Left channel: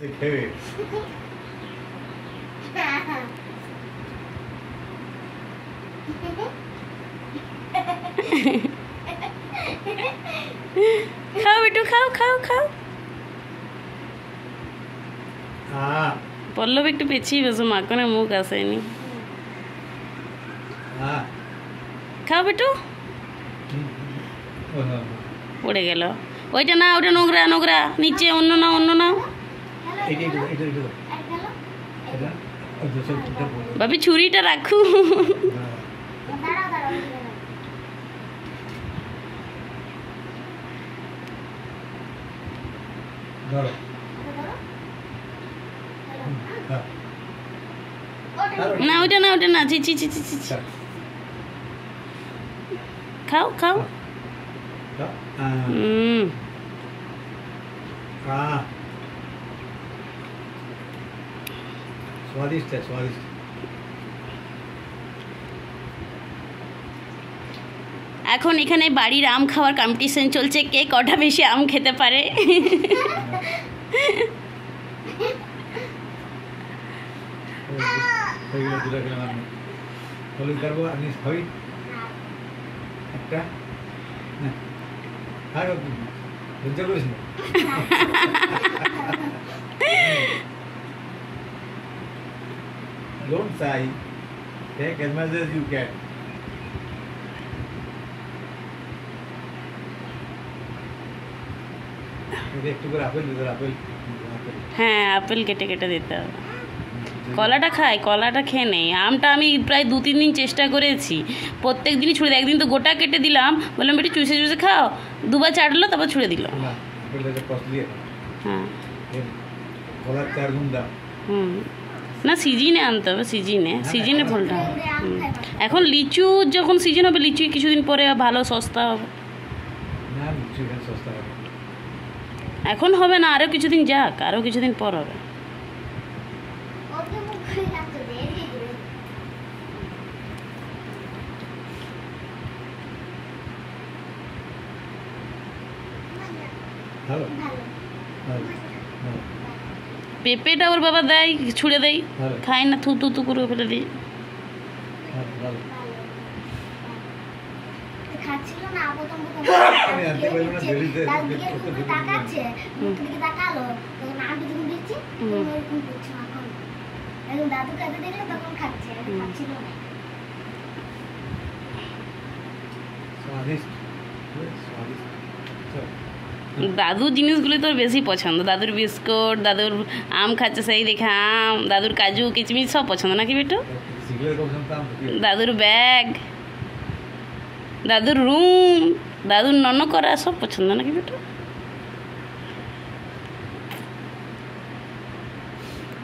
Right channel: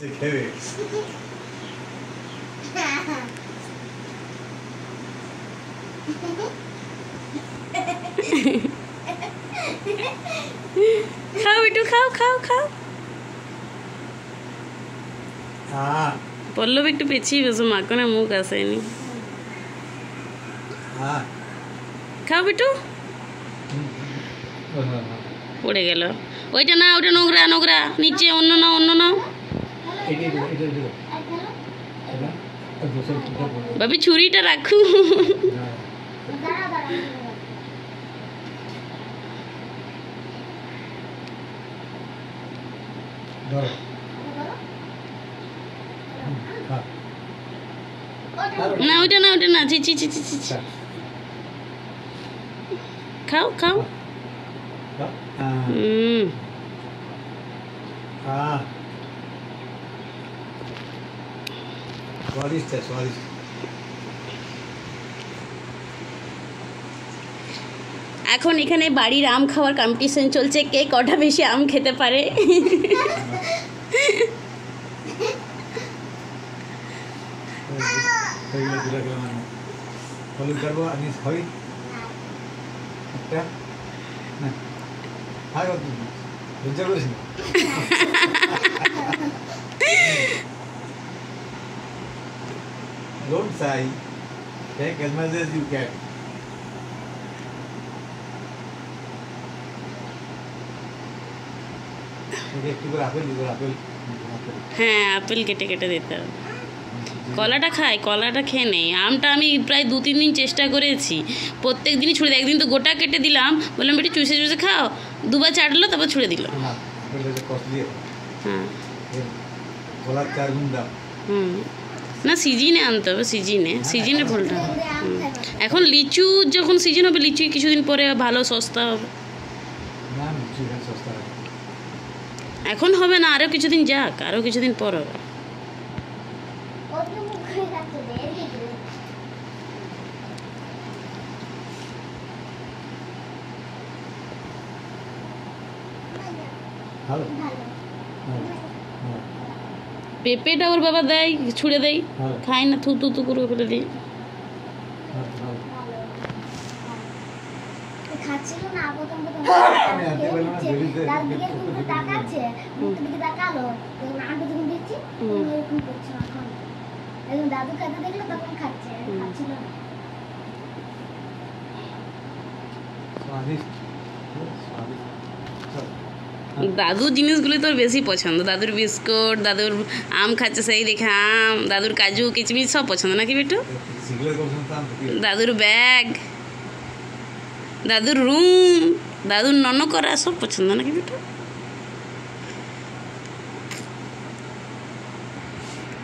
देखेवे खाओ बेटू खाओ खाओ खाओ পল্লব একটু পেছিয়ে বসো মাকে না মুখ আসেনি খাও বেটু পড়ে গেল ওইটা না ওটা নোংরা নোংরা নিচে অন্য নাও অন্য নাও বাবি ছুরিটা রাখু না ওটা না ওটা না ছি ছি ছি ছি খাও খাও स्वादिष्ट है स्वादिष्ट এখন এখানে বাড়ির আম খাওয়ার কম্পিটিশন চলছে কে কটা বেশি আম খেতে পারে Don't sigh. Take as much as you can. একটু করে আপেল দিতে আপেল হ্যাঁ আপেল কেটে কেটে দিতে হবে কলাটা খাই কলাটা খেয়ে নেই আমটা আমি প্রায় 2-3 দিন চেষ্টা করেছি প্রত্যেক দিনই ছুঁড়ে দিই একদিন তো গোটা কেটে দিলাম বললাম একটু চুষে চুষে খাও দুবার চাটলো তারপর ছুঁড়ে দিল না আপেলটা কস্টলি হ্যাঁ কলার 4 গুণ দাম না সিজনে আনতে হবে সিজনে ফলটা এখন লিচু যখন সিজন হবে লিচু কিছুদিন পরে ভালো সস্তা হবে না লিচু সস্তা হবে এখন হবে না আরও কিছুদিন যাক আরও কিছুদিন পর হবে পেঁপেটা ওর বাবা দেয় ছুঁড়ে দেয় খায় না থু থু করে ফেলে দিই দাদুর জিনিসগুলি তোর বেশি পছন্দ দাদুর বিস্কুট দাদুর আম খাচ্ছে সেই দেখে আম দাদুর কাজু কিচমিচ সব পছন্দ নাকি বেটু দাদুর ব্যাগ দাদুর রুম দাদুর নন করা সব পছন্দ নাকি বেটু